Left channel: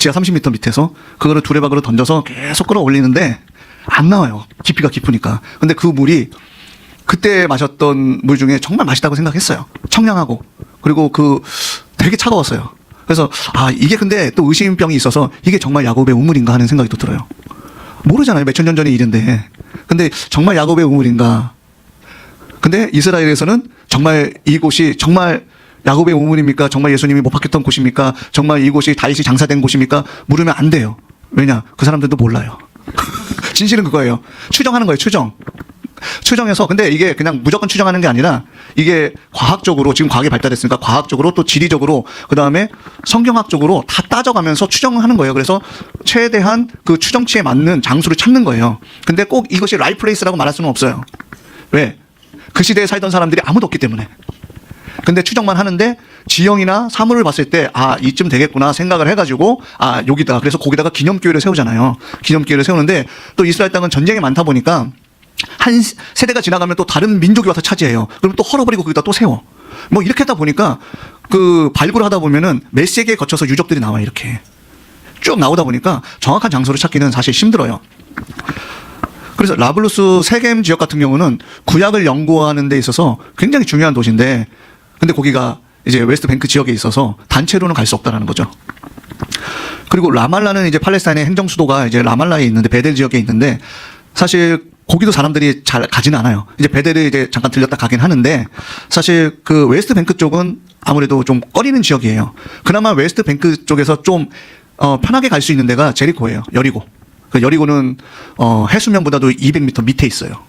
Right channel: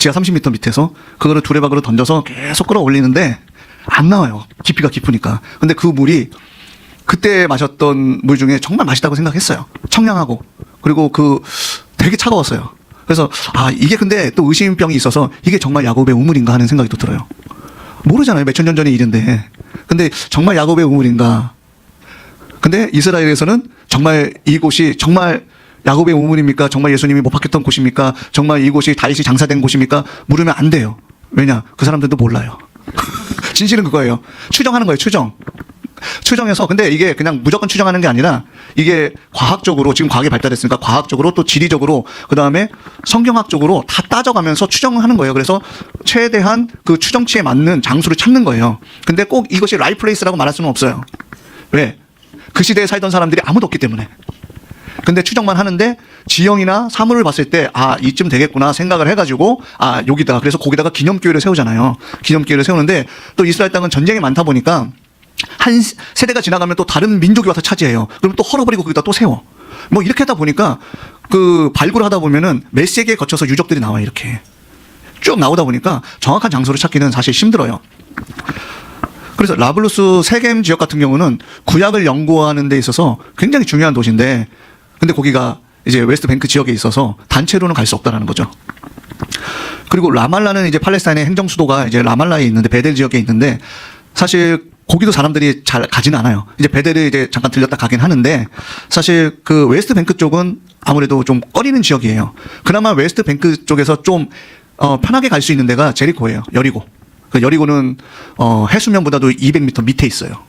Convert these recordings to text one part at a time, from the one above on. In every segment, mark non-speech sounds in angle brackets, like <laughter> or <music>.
지하 30m 밑에서 그거를 두레박으로 던져서 계속 끌어올리는데 안 나와요. 깊이가 깊으니까. 근데 그 물이 그때 마셨던 물 중에 정말 맛있다고 생각했어요. 청량하고 그리고 그 되게 차가웠어요. 그래서 아 이게 근데 또 의심병이 있어서 이게 정말 야곱의 우물인가 하는 생각이 또 들어요. 모르잖아요. 몇 천 년 전의 일인데. 근데 정말 야곱의 우물인가? 근데 이스라엘에서는 정말 이곳이 정말 야곱의 우물입니까? 정말 예수님이 못 박혔던 곳입니까? 정말 이곳이 다윗이 장사된 곳입니까? 물으면 안 돼요. 왜냐? 그 사람들도 몰라요. <laughs> 진실은 그거예요. 추정하는 거예요, 추정. 추정해서 근데 이게 그냥 무조건 추정하는 게 아니라 이게 과학적으로 지금 과학이 발달했으니까 과학적으로 또 지리적으로 그 다음에 성경학적으로 다 따져가면서 추정을 하는 거예요. 그래서 최대한 그 추정치에 맞는 장소를 찾는 거예요. 근데 꼭 이것이 라이플레이스라고 말할 수는 없어요. 왜? 그 시대에 살던 사람들이 아무도 없기 때문에. 근데 추정만 하는데 지형이나 사물을 봤을 때 아 이쯤 되겠구나 생각을 해가지고 아 여기다 그래서 거기다가 기념교회를 세우잖아요. 기념교회를 세우는데 또 이스라엘 땅은 전쟁이 많다 보니까 한 세대가 지나가면 또 다른 민족이 와서 차지해요. 그럼 또 헐어버리고 거기다 또 세워. 뭐 이렇게 하다 보니까 그 발굴을 하다 보면은 몇 세기에 거쳐서 유적들이 나와요 이렇게 쭉 나오다 보니까 정확한 장소를 찾기는 사실 힘들어요. 그래서 라블루스 세겜 지역 같은 경우는 구약을 연구하는 데 있어서 굉장히 중요한 도시인데 근데 거기가 이제 웨스트 뱅크 지역에 있어서 단체로는 갈 수 없다라는 거죠. 그리고 라말라는 이제 팔레스타인의 행정 수도가 이제 라말라에 있는데 베델 지역에 있는데 사실 거기도 사람들이 잘 가진 않아요. 이제 베델에 이제 잠깐 들렸다 가긴 하는데 사실 그 웨스트 뱅크 쪽은 아무래도 좀 꺼리는 지역이에요. 그나마 웨스트 뱅크 쪽에서 좀 어, 편하게 갈 수 있는 데가 제리코예요. 여리고. 그 여리고는 어, 해수면보다도 200m 밑에 있어요.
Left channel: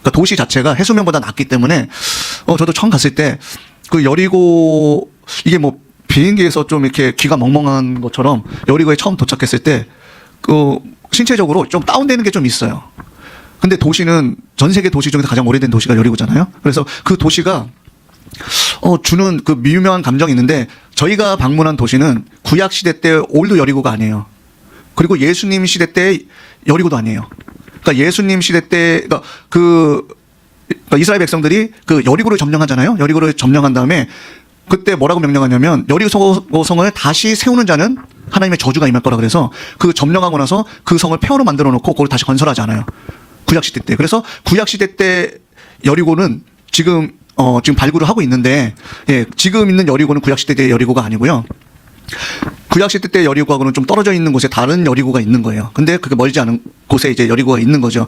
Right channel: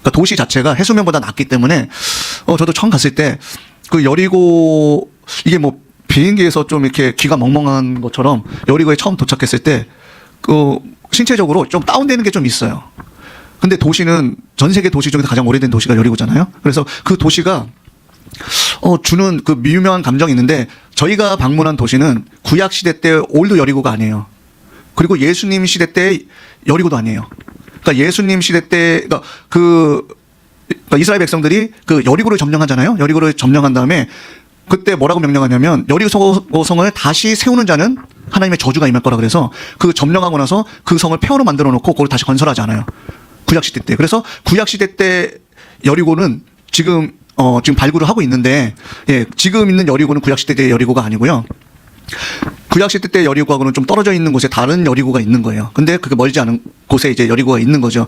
그러니까 도시 자체가 해수면보다 낮기 때문에 어, 저도 처음 갔을 때 그 여리고 이게 뭐 비행기에서 좀 이렇게 귀가 멍멍한 것처럼 여리고에 처음 도착했을 때 그 신체적으로 좀 다운되는 게 좀 있어요. 근데 도시는 전 세계 도시 중에서 가장 오래된 도시가 여리고잖아요. 그래서 그 도시가 어, 주는 그 미유명한 감정이 있는데 저희가 방문한 도시는 구약 시대 때 올드 여리고가 아니에요. 그리고 예수님 시대 때 여리고도 아니에요. 그러니까 예수님 시대 때 그러니까 그 그러니까 이스라엘 백성들이 그 여리고를 점령하잖아요. 여리고를 점령한 다음에 그때 뭐라고 명령하냐면 여리고 성을 다시 세우는 자는 하나님의 저주가 임할 거라 그래서 그 점령하고 나서 그 성을 폐허로 만들어 놓고 그걸 다시 건설하잖아요. 구약 시대 때. 그래서 구약 시대 때 여리고는 지금 어 지금 발굴을 하고 있는데 예, 지금 있는 여리고는 구약 시대 때 여리고가 아니고요. 구약 시대 때 여리고하고는 좀 떨어져 있는 곳에 다른 여리고가 있는 거예요. 근데 그게 멀지 않은 곳에 이제 여리고가 있는 거죠.